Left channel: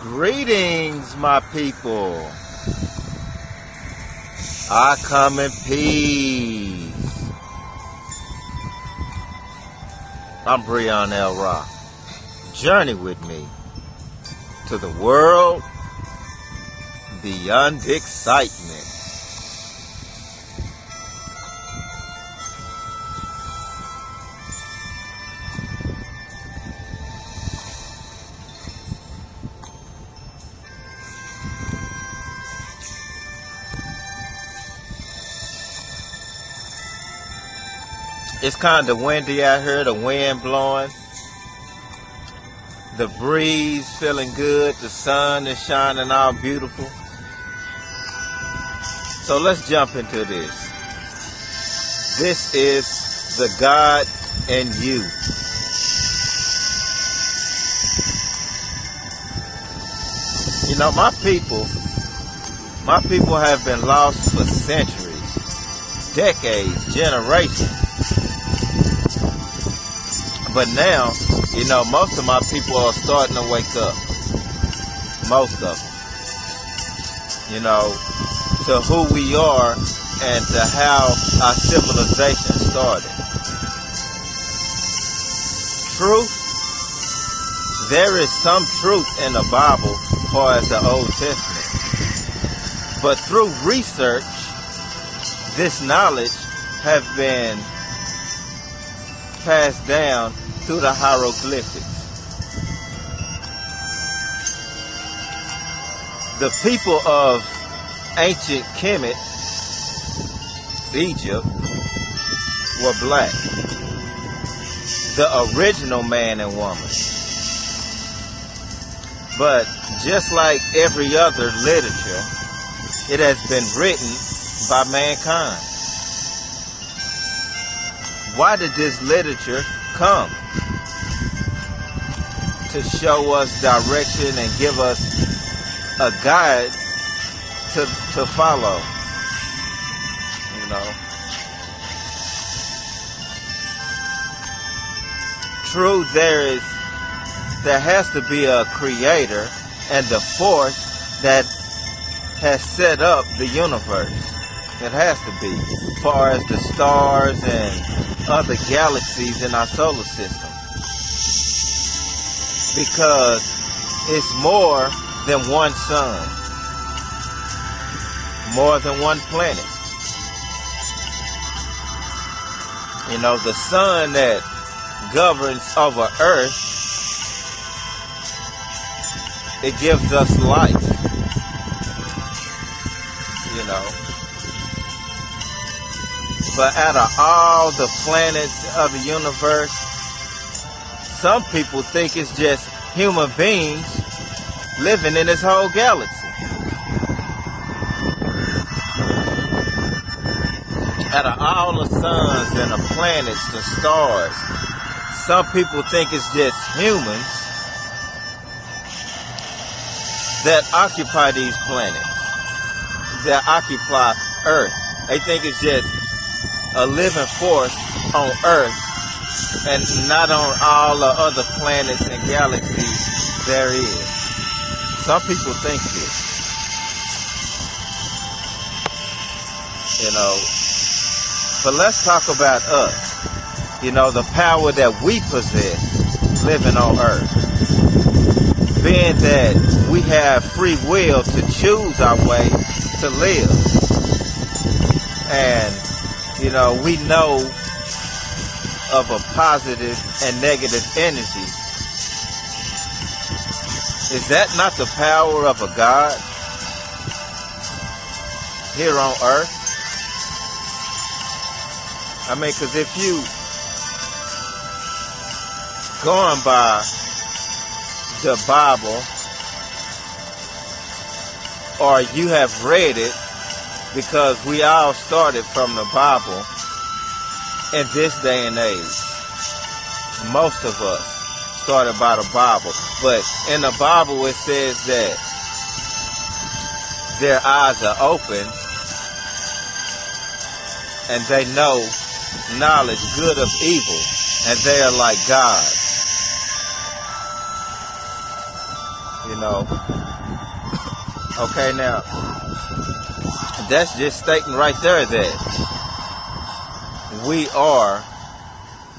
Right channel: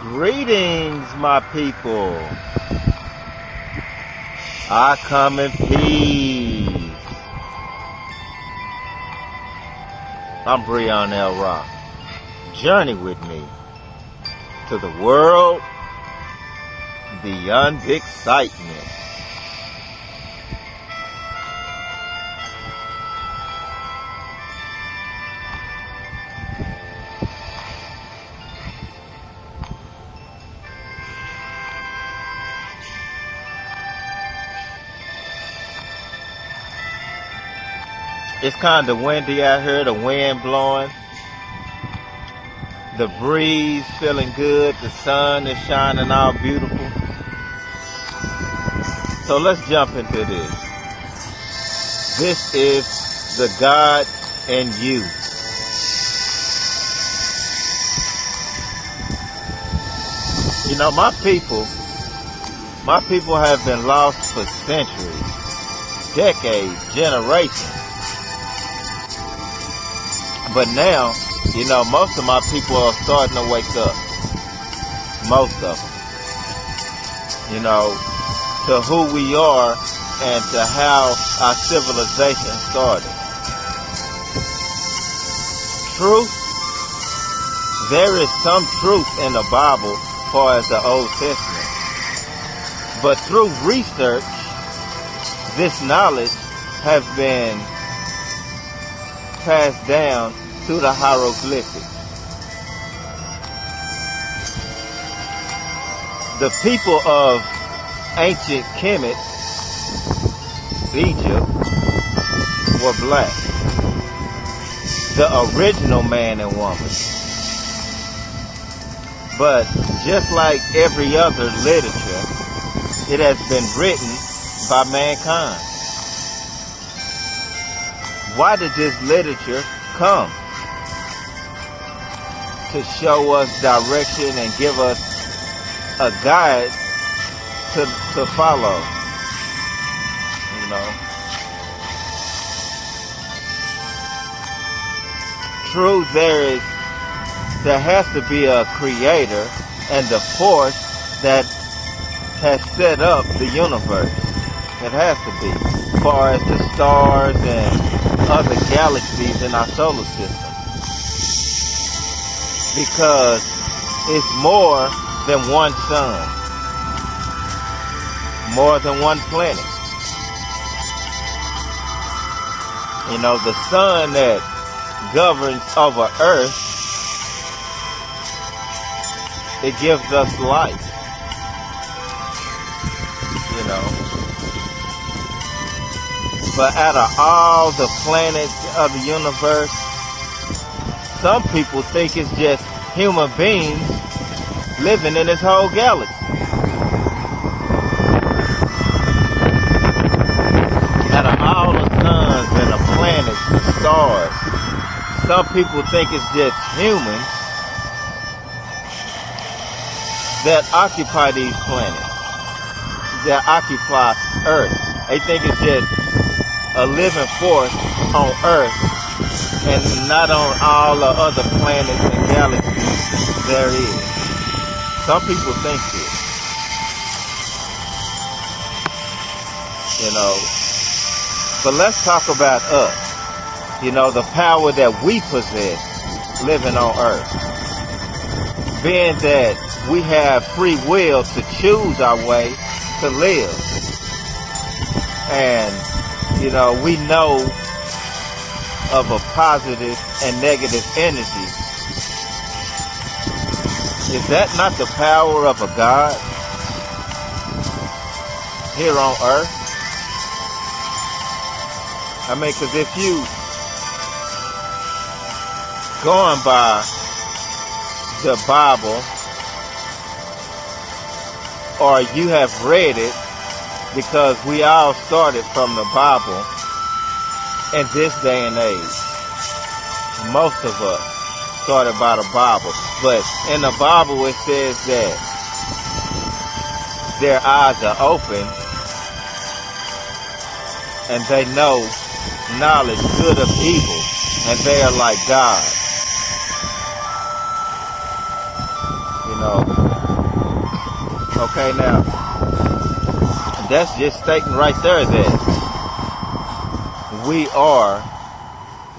Greetings, my people. I come in peace. I'm Breon L. Rock. Journey with me to the world beyond excitement. It's kind of windy out here, the wind blowing, the breeze feeling good, the sun is shining all beautiful. So let's jump into this. This is the God in you. You know, my people have been lost for centuries, decades, generations. But now, you know, most of my people are starting to wake up. Most of them. You know, to who we are and to how our civilization started. Truth. There is some truth in the Bible as far as the Old Testament. But through research, this knowledge has been passed down through the hieroglyphics. The people of ancient Kemet, Egypt, were black. The original man and woman. But just like every other literature, it has been written by mankind. Why did this literature come? To show us direction and give us a guide to follow. You know. True, there has to be a creator and the force that has set up the universe. It has to be. As far as the stars and other galaxies in our solar system. Because it's more than one sun. More than one planet. You know, the sun that governs over Earth, it gives us life. You know. But out of all the planets of the universe, some people think it's just human beings living in this whole galaxy. Out of all the suns and the planets, the stars, some people think it's just humans that occupy these planets, that occupy Earth. They think it's just a living force on Earth and not on all the other planets and galaxies there is. Some people think this. You know. But let's talk about us. You know, the power that we possess living on Earth. Being that we have free will to choose our way to live. And you know, we know of a positive and negative energy. Is that not the power of a God here on Earth? I mean, because if you going by the Bible, or you have read it, because we all started from the Bible in this day and age. Most of us started by the Bible. But in the Bible it says that their eyes are open and they know knowledge, good of evil, and they are like God. You know. Okay, now that's just stating right there that we are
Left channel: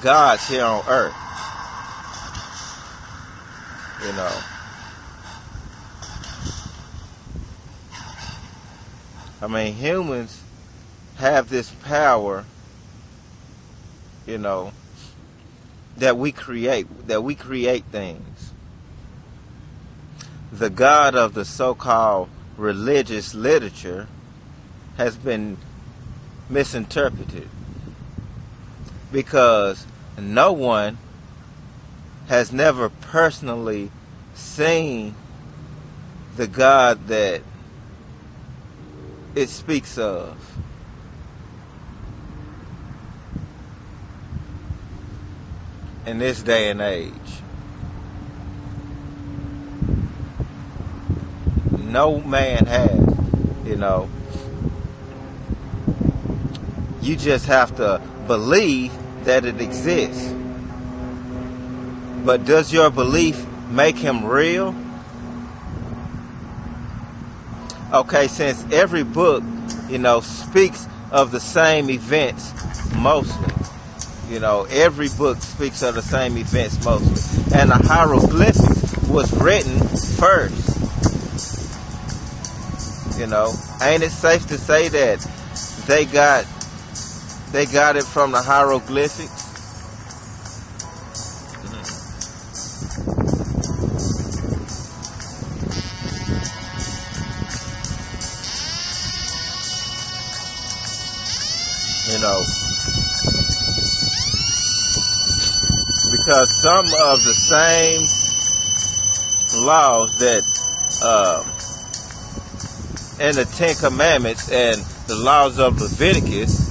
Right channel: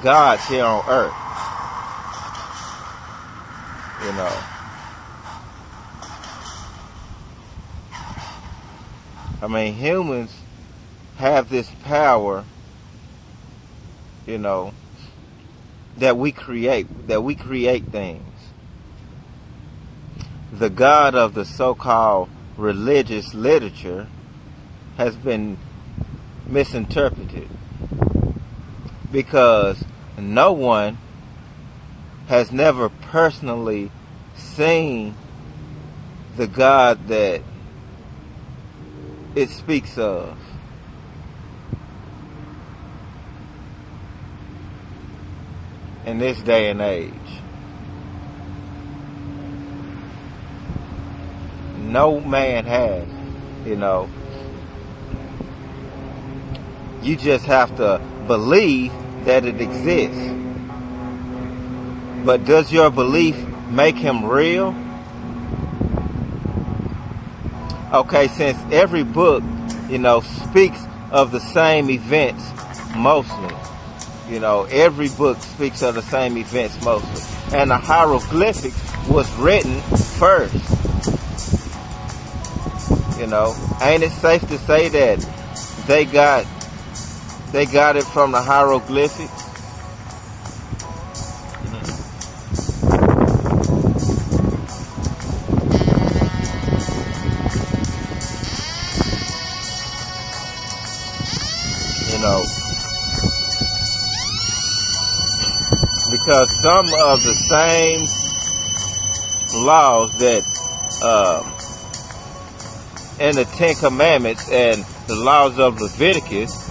gods here on earth. You know. I mean, humans have this power, you know, that we create things. The God of the so-called religious literature has been misinterpreted because no one has never personally seen the God that it speaks of. In this day and age, no man has, you know. You just have to believe that it exists. But does your belief make him real? Okay, since every book, you know, speaks of the same events mostly. You know, every book speaks of the same events mostly. And the hieroglyphics was written first. You know, ain't it safe to say that they got it from the hieroglyphics? You know, because some of the same laws that in the Ten Commandments and the laws of Leviticus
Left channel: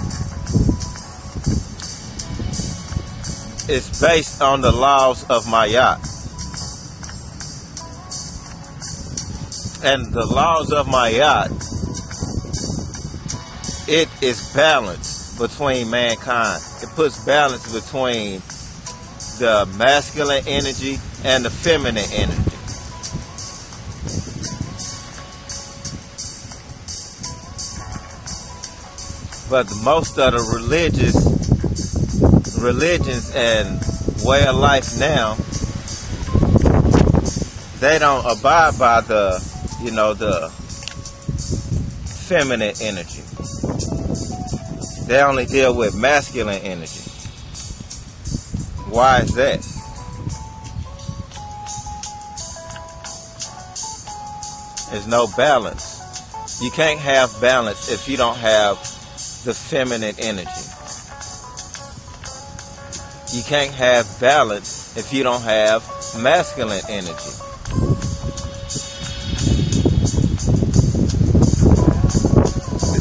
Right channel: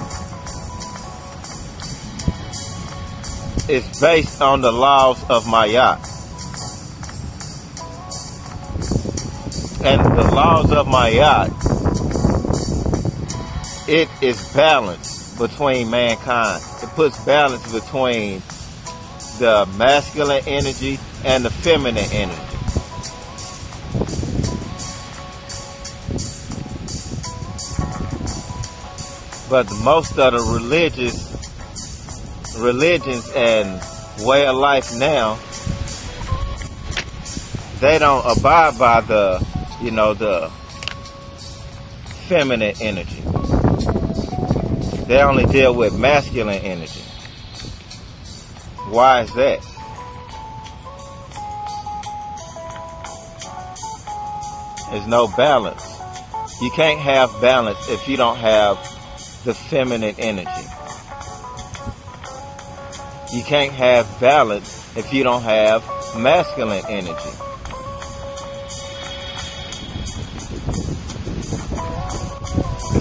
is based on the laws of Mayat. And the laws of Mayat, it is balanced between mankind. It puts balance between the masculine energy and the feminine energy. But most of the religions and way of life now, they don't abide by the, you know, the feminine energy. They only deal with masculine energy. Why is that? There's no balance. You can't have balance if you don't have the feminine energy. You can't have balance if you don't have masculine energy.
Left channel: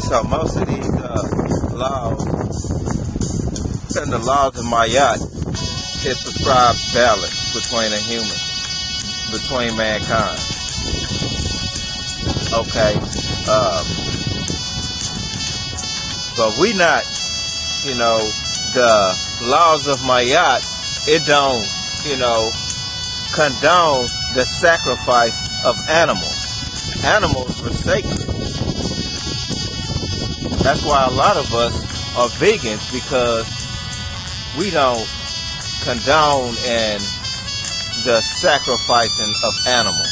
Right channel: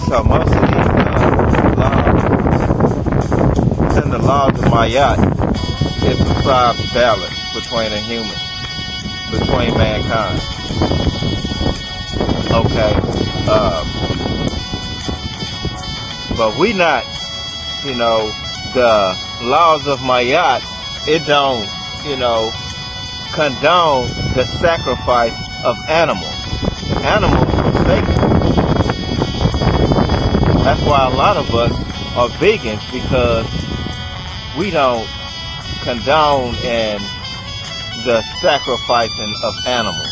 So most of these laws and the laws of Mayat, it prescribes balance between a human, between mankind. Okay, but we not, you know, the laws of Mayat, it don't, you know, condone the sacrifice of animals. Animals were sacred. That's why a lot of us are vegans, because we don't condone in the sacrificing of animals.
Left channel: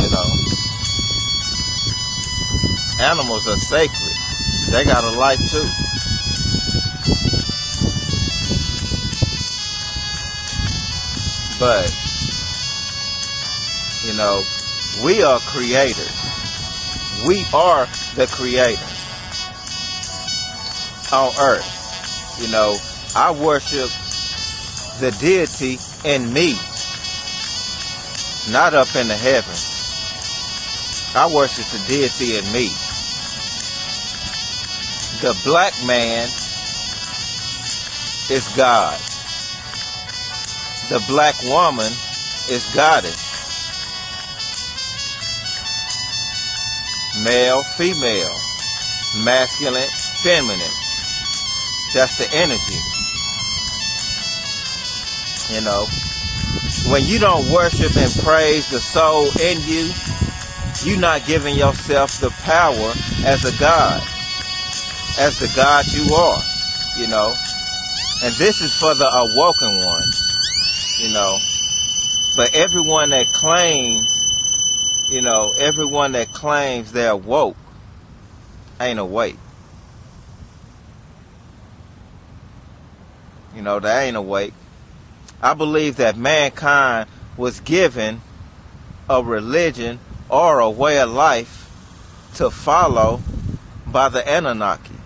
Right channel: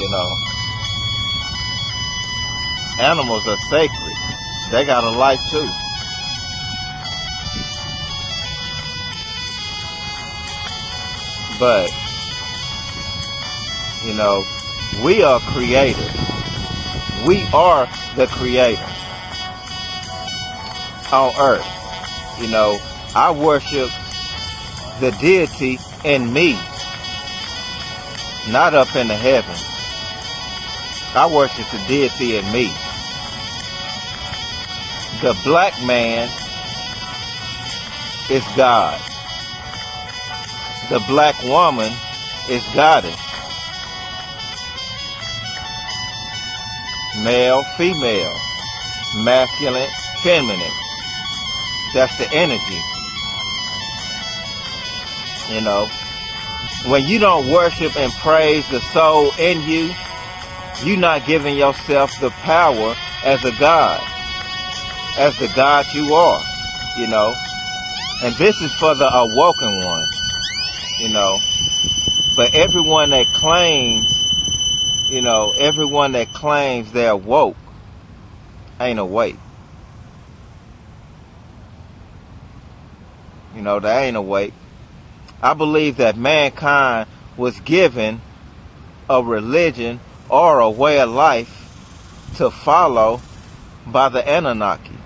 You know, animals are sacred. They got a life too. But, you know, we are creators. We are the creators on earth. You know, I worship the deity in me, not up in the heavens. I worship the deity in me. The black man is God. The black woman is goddess. Male, female, masculine, feminine. That's the energy. You know. When you don't worship and praise the soul in you, you're not giving yourself the power as a God, as the God you are, you know. And this is for the awoken ones, you know. But everyone that claims, you know, everyone that claims they're woke ain't awake. You know, they ain't awake. I believe that mankind was given a religion or a way of life to follow by the Anunnaki,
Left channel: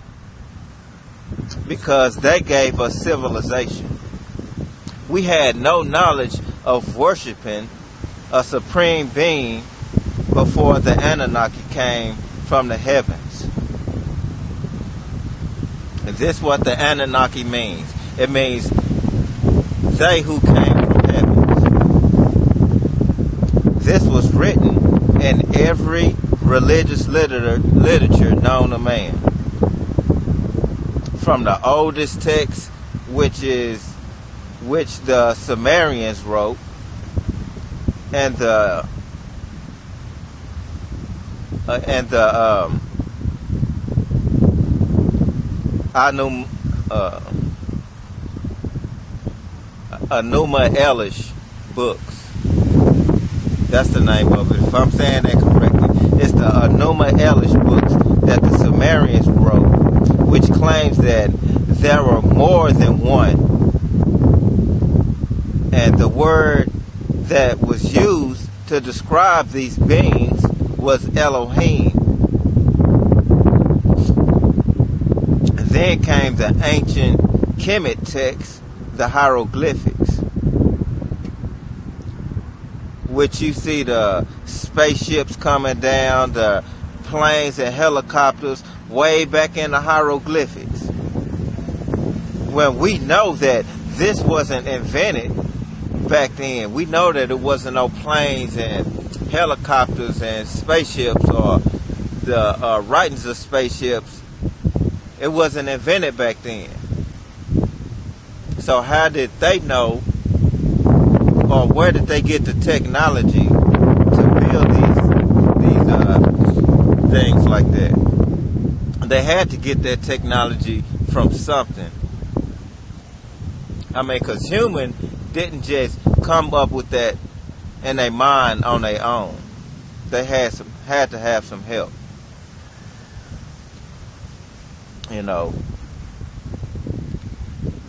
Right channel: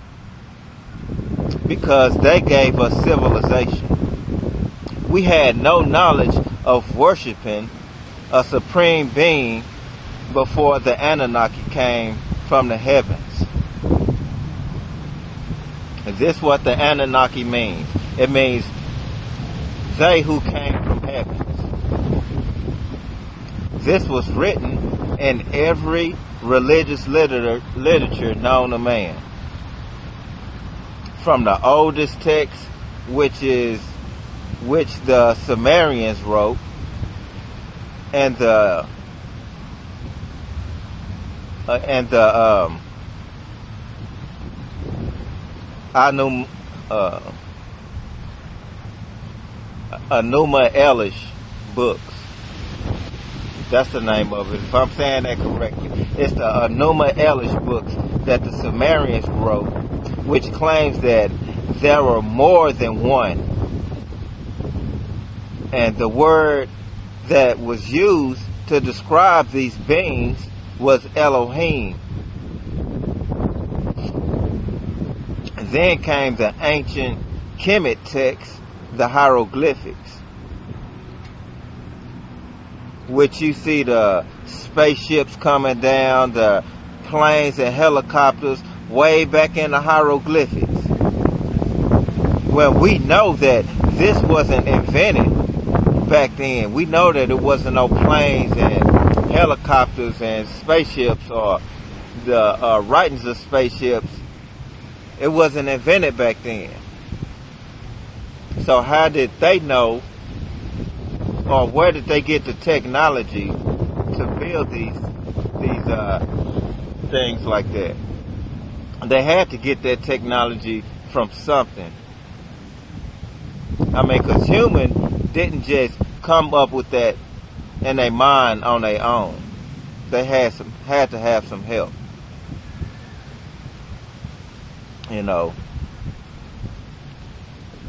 because they gave us civilization. We had no knowledge of worshiping a supreme being before the Anunnaki came from the heavens. And this is what the Anunnaki means. It means they who came from heavens. This was written in every religious literature known to man. From the oldest text, which the Sumerians wrote, and the Enuma Elish books. That's the name of it. If I'm saying that correctly, it's the Enuma Elish books that the Sumerians wrote, which claims that there were more than one. And the word that was used to describe these beings was Elohim. And then came the ancient Kemet text, the hieroglyphics, which you see the spaceships coming down, the planes and helicopters way back in the hieroglyphics. When we know that this wasn't invented back then, we know that it wasn't no planes and helicopters and spaceships, or the writings of spaceships. It wasn't invented back then. So how did they know, or where did they get the technology to build these things like that? They had to get that technology from something. I mean, because human didn't just come up with that in their mind on their own. They had to have some help. You know,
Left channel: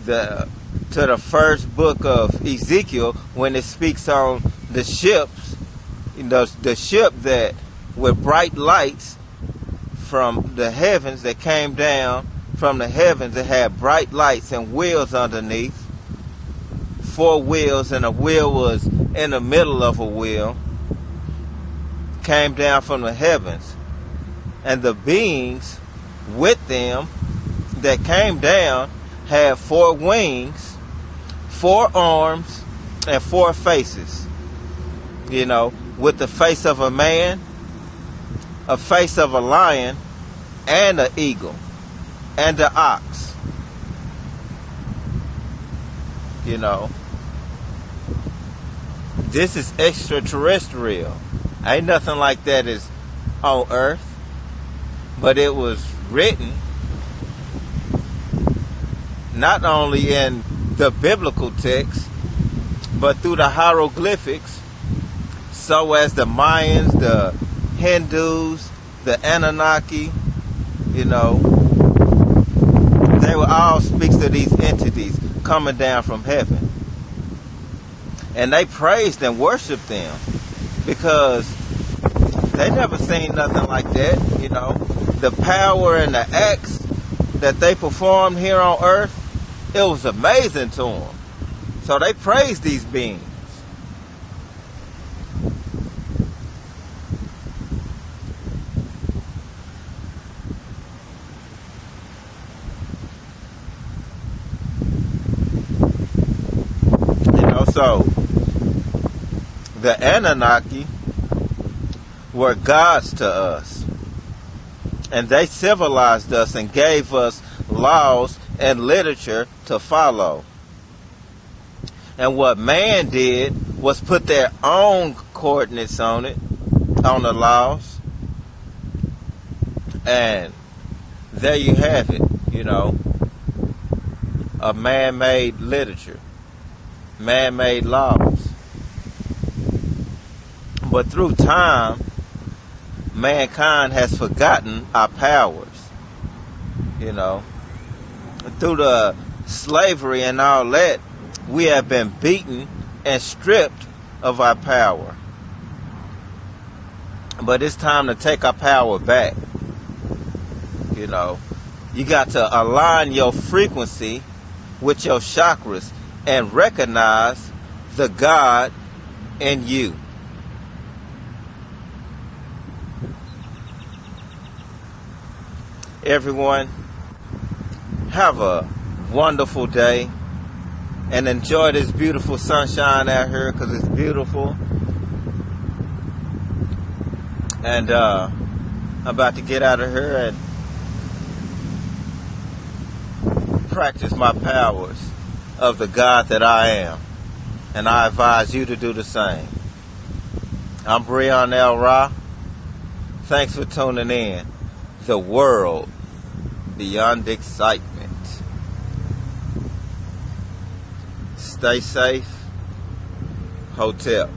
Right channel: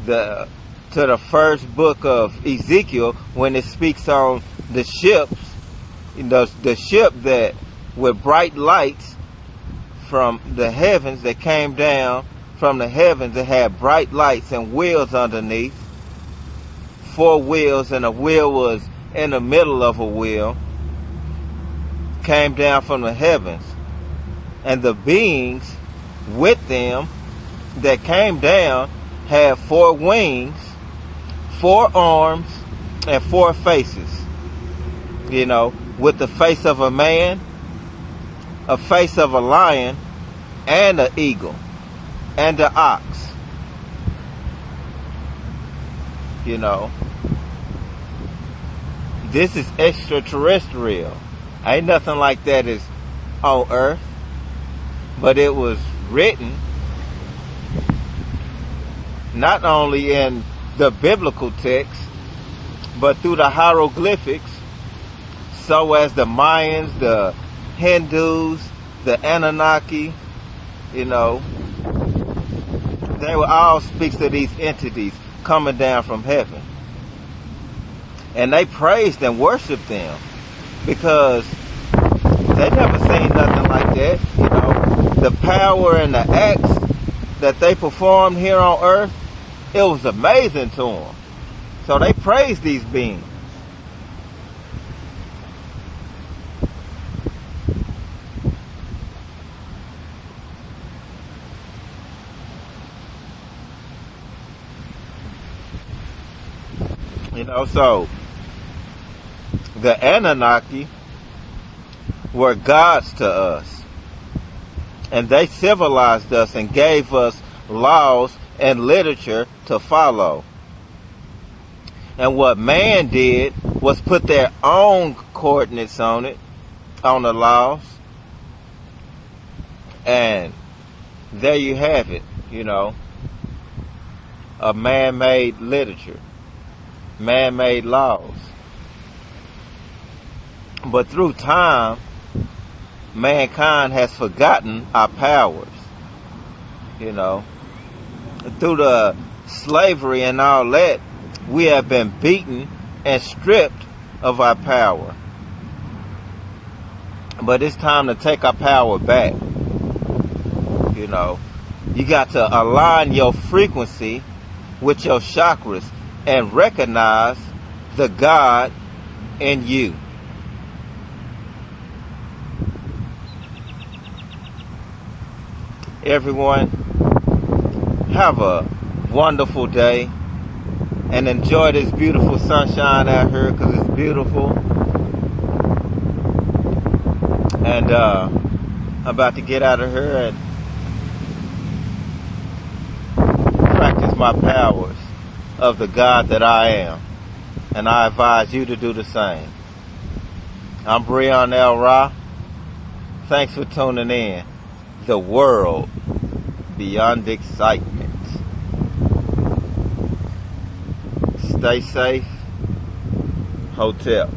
to the first book of Ezekiel, when it speaks on the ships, you know, the ship that with bright lights from the heavens that came down from the heavens, that had bright lights and wheels underneath, 4 wheels, and a wheel was in the middle of a wheel, came down from the heavens. And the beings with them that came down had 4 wings, 4 arms, and 4 faces. You know, with the face of a man, a face of a lion, and an eagle, and an ox. You know, this is extraterrestrial. Ain't nothing like that is on Earth. But it was written not only in the biblical text, but through the hieroglyphics, so as the Mayans, the Hindus, the Anunnaki, you know, they will all speak to these entities coming down from heaven. And they praised and worshiped them because they never seen nothing like that. You know, the power and the acts that they performed here on earth, it was amazing to them. So they praised these beings. You know, so the Anunnaki were gods to us. And they civilized us and gave us laws and literature to follow. And what man did was put their own coordinates on it, on the laws. And there you have it, a man-made literature, man-made laws. But through time, mankind has forgotten our powers, Through the slavery and all that, we have been beaten and stripped of our power. But it's time to take our power back. You got to align your frequency with your chakras and recognize the God in you. Everyone, have a wonderful day and enjoy this beautiful sunshine out here, because it's beautiful. And I'm about to get out of here and practice my powers of the God that I am. And I advise you to do the same. I'm Breon L. Ra. Thanks for tuning in. The world beyond excitement. Stay safe. Hotel.